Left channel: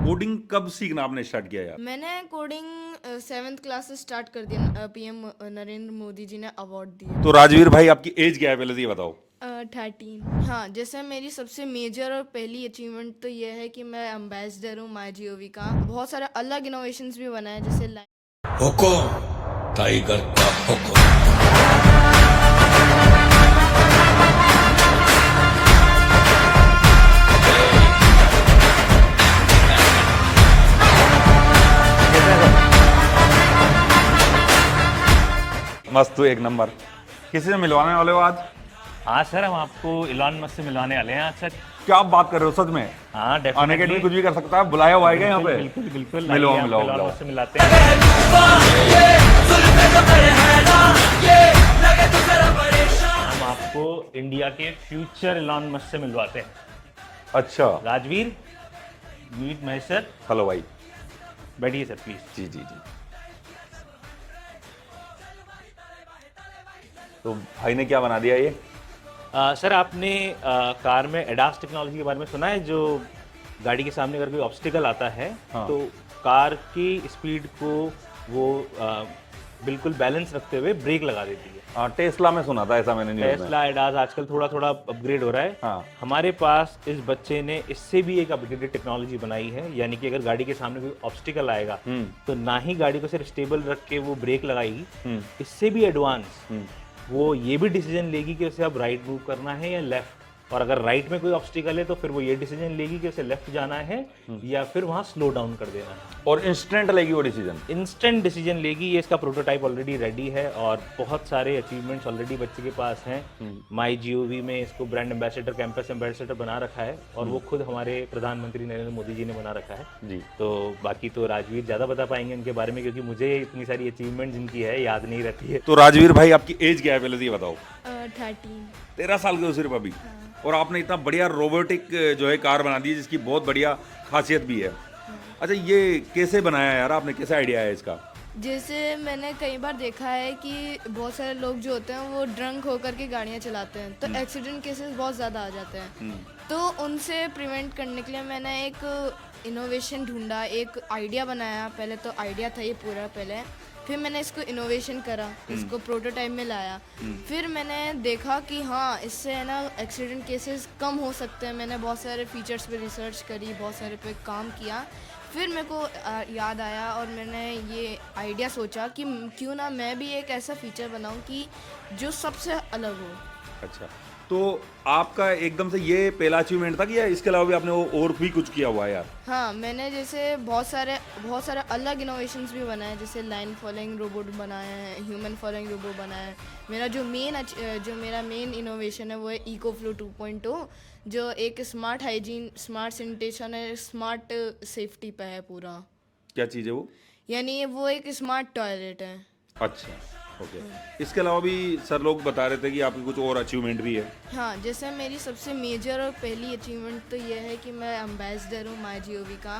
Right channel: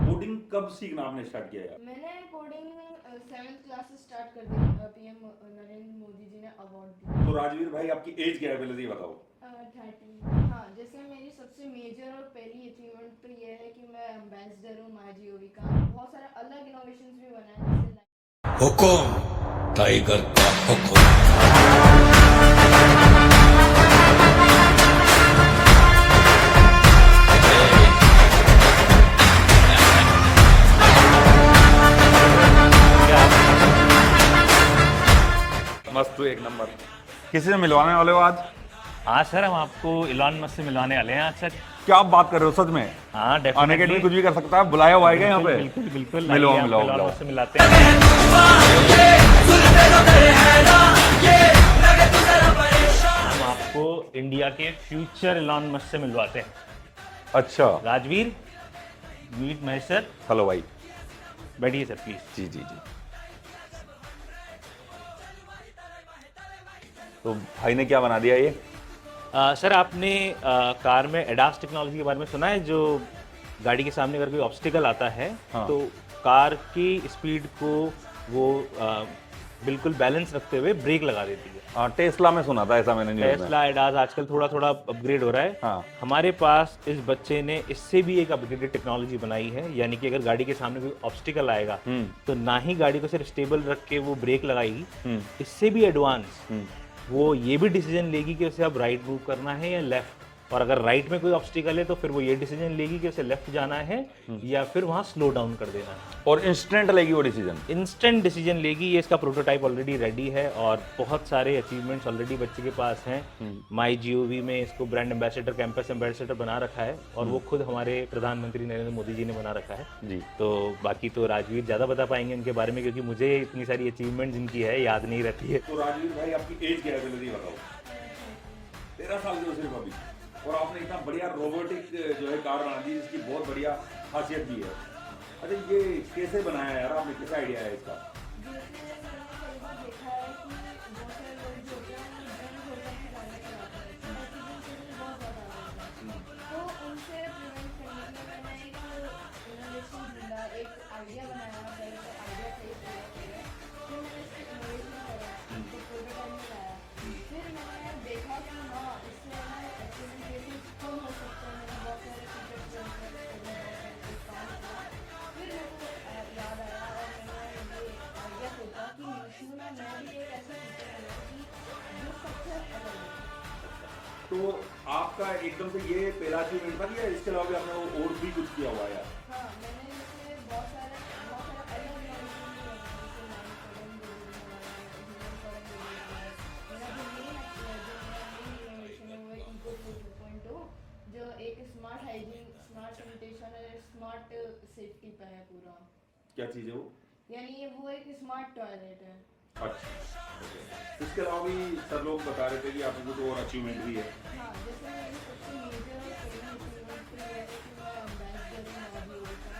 Coding कब सीखना आपने स्टार्ट किया यार? मैंने कोडिंग 7th क्लास से स्टार्ट कर दिया। पीएम नरेंद्र मोदी जी ने अवार्ड दिया। तो राजवीर भाई आपकी एज क्या है पहले से ये बताओ। 13। हाँ, जैसे मेरी सबसे मेजर और पहली अचीवमेंट तो ये है कि मैं एम्बेसडर हूँ माई जीओवी का। बहुत सारे अलग इनोवेशंस भी बनाए, जैसे हुकुम टाइगर का हुकुम। मस्त, एक नंबर। किसी से मिलवाने वाले हो आज? हाँ सर, हम आपको इलॉन मस्क से मिलवाने वाले हैं आज सर। क्या आप बात कर रहे हो सच में? हाँ अन डेफिनेटली। अकेडमी कुछ भी कर सकता है, बुलाया हुआ है यहाँ पे? बिल्कुल बिल्कुल, मिलो आइए, मिलो आपको इलॉन मिलो। मस्क से मिलाते हैं। हम आपको इंडिया के फ्यूचर इलॉन मस्क से मिलवाते हैं। अच्छा, Rajveer, meet Mahesh sir. Hello भाई। बैठिए सर प्लीज। जी जी जी। तो भाई ने क्या बना दिया ये? सर आपने कार में एडास टेक्नोलॉजी के बारे में सुना है? जो गाड़ी के सामने अगर कोई ऑब्स्टिकल आता है हाँ। तो कार की स्पीड को वो बिल्कुल बैलेंस रखते हुए ब्रेक लगा देती है। टेस्ला में सुना था ऐसा मैंने न्यूज़ में। टेस्ला एडास आजकल थोड़ा थोड़ा अपग्रेड हो रहा है। हाँ। हमारे पास इस बच्चे ने इससे भी एक अपग्रेडेड टेक्नोलॉजी बनाई है, यानी कि अगर गाड़ी के सामने कोई ऑब्स्टिकल आएगा तो ना ही गाड़ी को सिर्फ स्टेबल रख के वो ब्रेक लगाएगी, इससे भी एडवांस वो ये भी डिसीजन लेगी कि उसे अब राइट मूव करना है या लेफ्ट। और अगर राइट में कोई ऑब्स्टिकल है तो फिर वो ये डिसीजन लेगी कि उसे लेफ्ट जाना है या फिर वहां स्लो डाउन कर देना है। और इंस्टेंट लेगी वो डिसीजन? इंस्टेंट डिसीजन लेगी। ये इसका प्रोटोटाइप ऑलरेडी रेडी है और बहुत सारे अचीवमेंट्स ऑलरेडी बच्चे के पास हैं। माई जीओवी में इसको ब्रांड एम्बेसडर, कैंपस एम्बेसडर बना रखा है और वो खुद हमारे प्रधानमंत्री नरेंद्र मोदी जी ने बना रखा है जी। तो बाकी तो राजवीर ज्यादा बता पाएंगे इनके बारे में, क्योंकि मुझे इतनी सारी अचीवमेंट जिनकी है याद नहीं रहती है। तो राजवीर भाई आपकी एज क्या है पहले से ये बताओ। 13। 13 साल के हो सिर्फ अभी, और आपने इतना बढ़िया रोबोटिक जो है कार बना दी है जिसकी बहुत बढ़िया खासियत भी है। अच्छा, ये कैसे बनाया यार आपने, कैसा आइडिया है इसका? जैसे मैंने कई बार देखा है कि बहुत सारे लोग जो होते हैं वो ड्रंक होकर के गाड़ियाँ चलाते हैं, तो एक्सीडेंट केसेस बहुत ज़्यादा आ जाते हैं। तो उनसे प्रिवेंट करने के लिए मैंने एक इनोवेशन ढूंढा, एक आइडिया बनाया। पहले तो आइडिया था ये पूरा पहले, फिर मैंने इसको इनोवेशन करा, इसको प्रोटोटाइप में लाया। फिर मैंने देखा कि हाँ, इससे है ना एक्सीडेंट केसेस कम हो सकते हैं। मैंने बहुत सारे फीचर्स पे रिसर्च करी, बहुत सारे पे काम किया। फिर मेरे को याद आया और मैंने ये आइडिया सोचा कि क्यों ना मैं भी एक ऐसा फीचर बनाऊं कि जो सबसे अलग हो। अच्छा, तो आपका एकदम से ये पहला अचीवमेंट था कि या इसके अलावा भी आपने वो और भी कुछ किया हुआ है यार? हाँ, मैंने जैसे बहुत सारे अलग इनोवेशंस भी बनाए, जैसे लाइन फॉलोइंग रोबोट बनाए हैं, ह्यूमन फॉलोइंग रोबोट बनाया है। मेरा मेन इनोवेशन है वो है इको फ्लो 2.0, जो एक स्मार्ट हाइजीन, स्मार्ट सैनिटेशन है, स्मार्ट सेफ्टी पे है पूरा। क्या चीज़ है वो? यानी वो एक स्मार्ट टॉयलेट है। अच्छा, ओके। इसके अलावा भी सर लोग बता रहे थे कि आपके कुछ और अचीवमेंट भी है। हाँ, जैसे मेरी सबसे मेजर और पहली अचीवमेंट तो ये है कि मैं एम्बेसडर हूँ माई जीओवी का।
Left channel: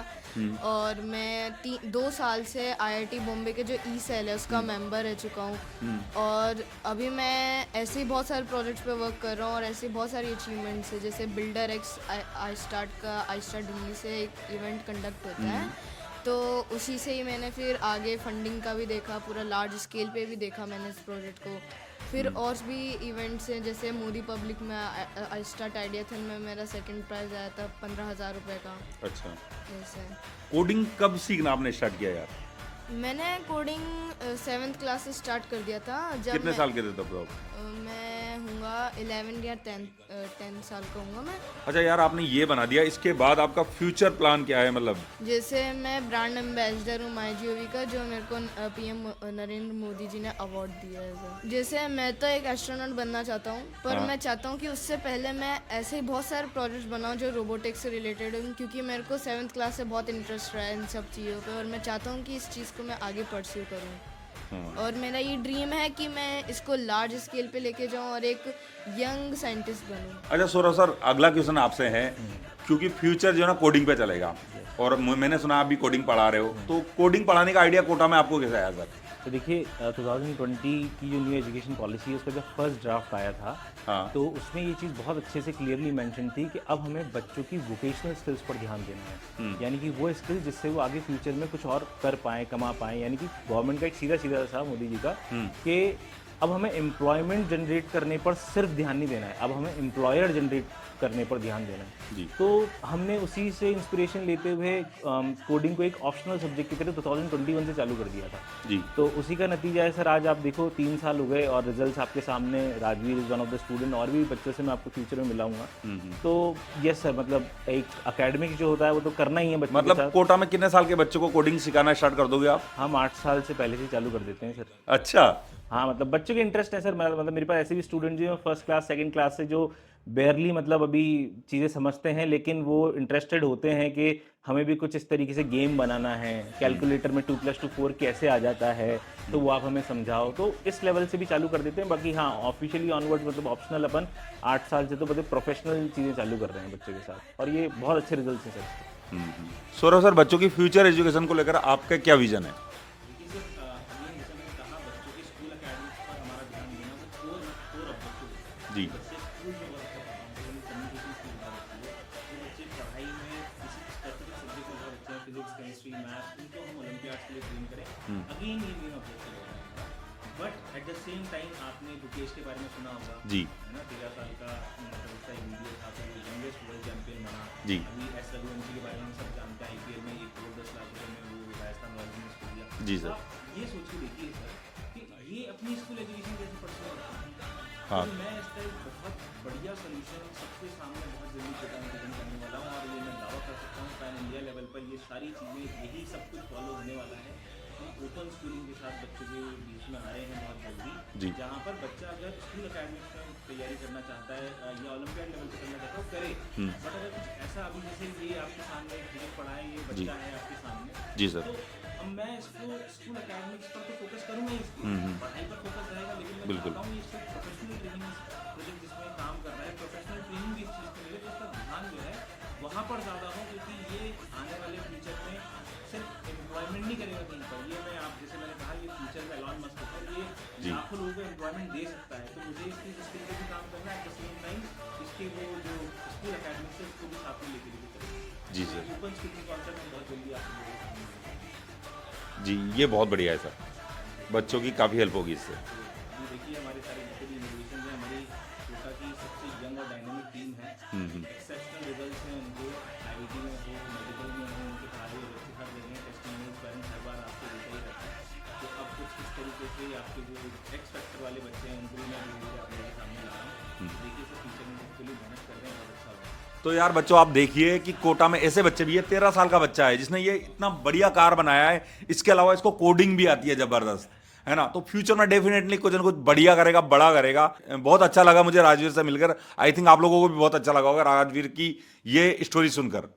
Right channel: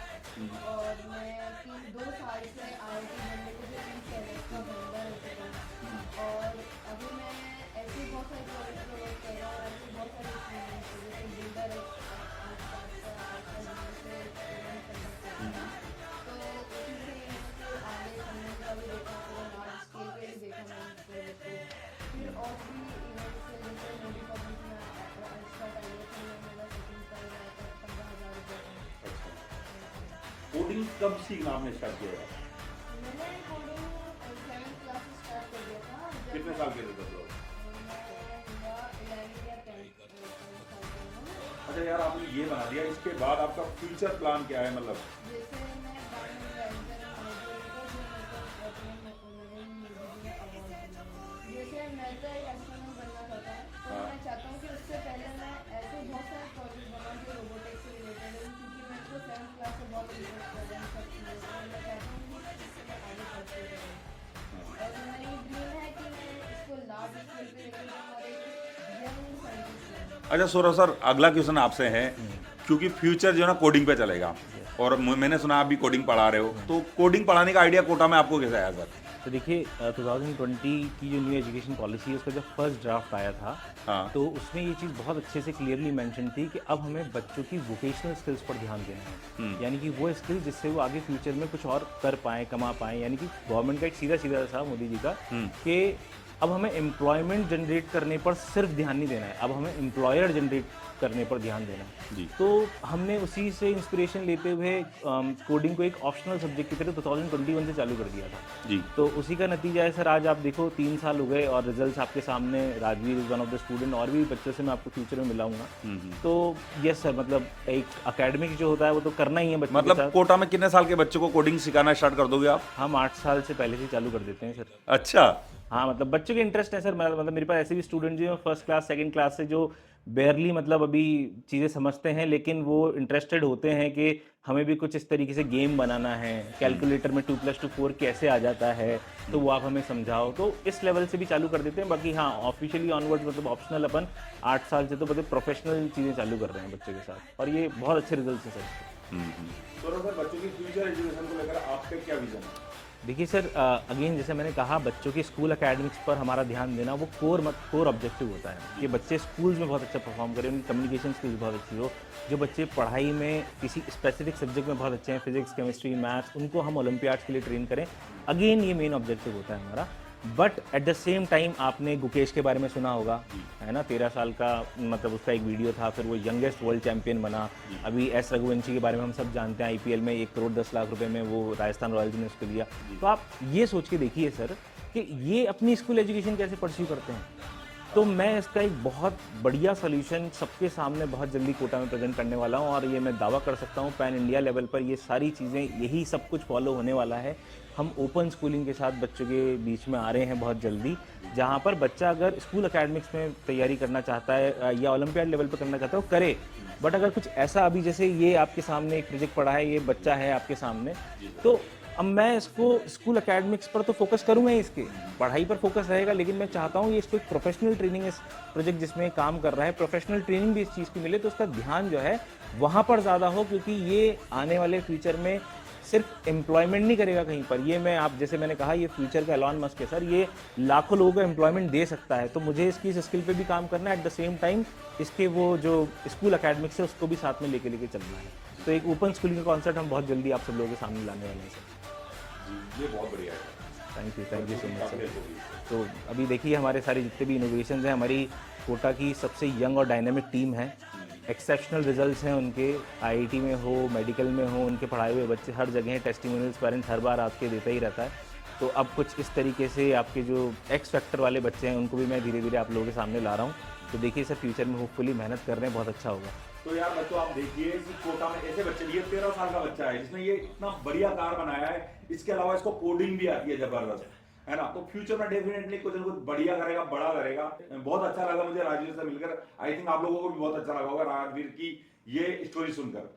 और मैं 2 साल से आईआईटी बॉम्बे के जो ई सेल है उसका मेंबर रह चुका हूँ। और अभी मैं ऐसे ही बहुत सारे प्रोजेक्ट्स पे वर्क कर रहा हूँ और ऐसे बहुत सारी अचीवमेंट्स है, जैसे builder x I start Delhi से एक इवेंट कंडक्ट होता है, तो उसी से ही मैंने फिर आगे फंडिंग का भी देखा, पूरा लार्ज स्केल पे भी देखा मैंने इस प्रोजेक्ट को। फिर और भी इवेंट्स हैं, जैसे मोदी पब्लिक में आई स्टार्ट आइडियाथन में मेरा सेकंड प्राइज आया था 15,000 रुपये का। अच्छा, ऐसे कोडिंग कब सीखना आपने स्टार्ट किया यार? मैंने कोडिंग 7th क्लास से स्टार्ट कर दिया था। जब कितने साल के थे तब तो? मैं हूँगा 11 या 10 साल का हूँगा मैं। अच्छा यार, आपने ये बना दिया, इसके बाद आपका फ्यूचर प्लान क्या है? मतलब जैसे मैं ब्रांड एम्बेसडर हूँ माई जीओवी का, जो मेरे को पीएम नरेंद्र मोदी जी ने अवार्ड दिया है। जैसे मैं तो एक एस्ट्रोनॉट बनना चाहता हूँ, पर मैं चाहता हूँ कि उससे पहले मैं ऐसे ही बहुत सारे प्रोजेक्ट्स बनाऊँ जो रोबोटिक्स से रिलेटेड हूँ, क्योंकि मेरे को 7th क्लास से बहुत इंटरेस्ट रहा है इन सब चीज़ों पर, और मैं चाहता हूँ कि इस चीज़ को मैं आगे परस्यू करूँ। और मेरा ये ड्रीम है कि मैं इसको लार्ज स्केल पे लेके जाऊँ और एक यंग साइंटिस्ट बनूँ। अच्छा सौरभ सर, अगला क्वेश्चन आपसे है, क्योंकि फ्यूचर जो है ना कोडिंग पे चलेगा, और मैंने सुना आप भी कोडिंग पढ़ा रहे हो, तो कोडिंग पढ़ाने का आइडिया कोटा में आपको कैसे आया सर? तो देखिए 2020 की जो न्यू एजुकेशन पॉलिसी है उसका जब फर्स्ट ड्राफ्ट आया था हाँ। तो उसमें ये चीज़ बहुत अच्छे से क्लियरली मेंशन थी कि अब हमें बच्चों की वोकेशनल स्किल्स पर ध्यान देना है, यानी कि वो स्किल जिससे वो आगे फ्यूचर में कुछ और कर पाएँ, कमा पाएँ, यानी कि गवर्नमेंट का एक सीधा सीधा था मोदी जी का कि अब हमें एम्प्लॉयमेंट जनरेट करने पर सिर्फ ध्यान नहीं देना है, अब हमें एम्प्लॉयर जनरेट करने पर ध्यान देना है। जी। तो हमने उसी से इंस्पिरेशन लेते हुए कोडिंग को एक ऑप्शनल सब्जेक्ट की तरह 2021 से चालू कर दिया था। जी। तो उसी का नतीजा है सर, आज आप देखो 3 साल हो गए और रिजल्ट्स आपके सामने। Rajveer is one of the student, और भी बच्चों से मैं आपको फ्यूचर में मिलाऊंगा। तो यस सर, मतलब एक एकेडमिक जो होता है वो तो करना ही है बच्चों के मतलब साथ। कोटा में कितने साल के बच्चों को कोडिंग सिखाना स्टार्ट कर दोगे आप? हम 8 साल से पहले से चालू कर देते हैं सर। अच्छा। हाँ, मतलब बच्चों के इंटरेस्ट है सर। मतलब मेरे पास ऐसे भी स्टूडेंट जो फर्स्ट क्लास सेकंड क्लास से जो बेयरली मतलब अभी चीज़ें समझते हैं, लेकिन वो इंटरेस्टेड होते हैं कि हमें भी कुछ इस तरीके से गेम बनाना है, कैलकुलेटर में 2+2 4 कैसे आ जाता है, तो वो आप हमें समझाओ। तो इस लेवल से भी चालू कर देते हैं। बाकी हाँ, ऑफिशियली ऑनवर्ड्स मतलब ऑप्शनल अपन 8 साल से तो मतलब प्रोफेशनल चीज़ें चालू कर रहे हैं बच्चों के साथ, और ये बहुत अच्छे रिजल्ट हैं सर इसके। सौरभ सर, बच्चों की फ्यूचर एजुकेशन को लेकर आपका क्या विजन है? देखिए सर, अगेन जैसे मैंने कहा, बच्चों की स्कूल एकेडमिक्स पर हमारा ध्यान देना वो कोर ऑब्जेक्टिव होता है। ये बच्चे स्कूल्स में बहुत अच्छा परफॉर्म करें, उनकी कम्युनिकेशन स्किल्स बहुत अच्छी हो। जो बच्चे पढ़ाई में किसी स्पेसिफिक सब्जेक्ट में बहुत अच्छे हैं, फिजिक्स, केमिस्ट्री, मैथ्स, उनको हम ओलंपियाड्स के लिए ट्रेन करें। अगेन ये मेन ऑब्जेक्टिव होता है हमारा। But at the same time आपने गुकेश के बारे में सुना होगा, जी। है ना, 13 साल का, मतलब उसका एक वीडियो था, फिर वो यंगेस्ट वर्ल्ड चैंपियन बना। जी। अभी एस रघुवंशी के बारे में हम सब जानते हैं, आईपीएल में 1 करोड़ 10 लाख रुपए में वो राजस्थान रॉयल्स ने उसको दिया। जी तो सर। आप ये सोच के देखिए सर कि ये अपनी स्कूल एजुकेशन कैसे परस्यू करते हैं। तो मैं इसका एक बहुत बढ़िया सॉल्यूशन सबके सामने बहुत जल्दी कोटा में प्रेजेंट करने वाला हूँ, और ये मैं दावा कर सकता हूँ पैन इंडिया लेवल पर ये सारी चीज़ें, यही सब कुछ फॉलो होने वाला है। हम ओपन स्कूलिंग के साथ बच्चों के बीच में आ रहे हैं बहुत जल्दी, जहाँ पर बच्चा अगर स्कूल एकेडमिक्स में तैयारी करना चाहता है या ओलंपियाड लेवल पर करना चाहता है वो करे। बट अगर कुछ ऐसा, अभी जैसे ये आपके सामने एक प्रोजेक्ट पड़ा है, ये बच्चा है आपके सामने, जी सर। तो अब मैं इसको स्कूल एकेडमिक्स पर तो फोकस करूंगा ही, इसके पढ़ाई पर फोकस रहेगा, लेकिन मैं चाहता हूँ ये इसको एक प्रोफेशनल ट्रेनिंग, इस प्रोजेक्ट जिसमें काम कर रहा है प्रोफेशनल ट्रेनिंग भी इस चीज़ की मिले, तो उसका ध्यान जो है वहाँ पर ज़्यादा हो, क्योंकि ये आने वाले फ्यूचर में सिर्फ एम्प्लॉयमेंट नहीं करेगा कहीं पर। ये मैं आप जैसे मैंने कहा, ये फ्यूचर का एलॉन मस्क है सर, ये लाखों लोगों को एम्प्लॉयमेंट दे सकता है। तो मुझे इसकी इस स्किल पे भी काम करना है, एट द सेम टाइम इसके वो जो स्कूल एकेडमिक्स है उसको भी साथ में लेके चलना है। तो एक ओपन स्कूलिंग का कॉन्सेप्ट हम बहुत जल्दी आप सब लोगों के सामने लाने वाले हैं। जी, ये बहुत बढ़िया है सर। Thank you. बच्चों की काफ़ी हेल्प होगी इससे। तो अभी देखिए हमारे सारे जितने भी इनोवेशंस हैं, हमारी कोटा की सबसे यंग और डायनेमिक टीम है। एक्सेप्शनल रिजल्ट्स हैं उनके, आईआईटी में हो, मेडिकल में हो, उनके पढ़ाए हुए बच्चे हर जगह हैं। टेस्टिमोनियल्स पेरेंट्स हर बार आपके देता ही रहता है। तो अब कुछ इस तरीके से आपके जो एक्स फैक्टर वाले बच्चे हैं उनको भी मैं धीरे धीरे आप लोगों के सामने ला रहा हूँ। तो देखिए सर, फ्यूचर में होपफुली मेहनत कर रहे हैं, बहुत अच्छा होगा। तो यार बच्चों, आप देखिए कि कोटा में ऐसे बच्चे भी है, 13 साल का बच्चा है जिसने ये इतना बढ़िया कार बनाया है। इसके अलावा इसको कोडिंग भी आती है जबरदस्त, है ना। तो फ्यूचर में डेफिनेटली कुछ ना कुछ बढ़िया करेगा, बड़ा करेगा। बहुत अच्छा लगा मुझे राजवीर से मिलकर। आई थिंक आप लोगों को भी बहुत अच्छा लगा होगा राजवीर की ये स्टोरी सुनकर।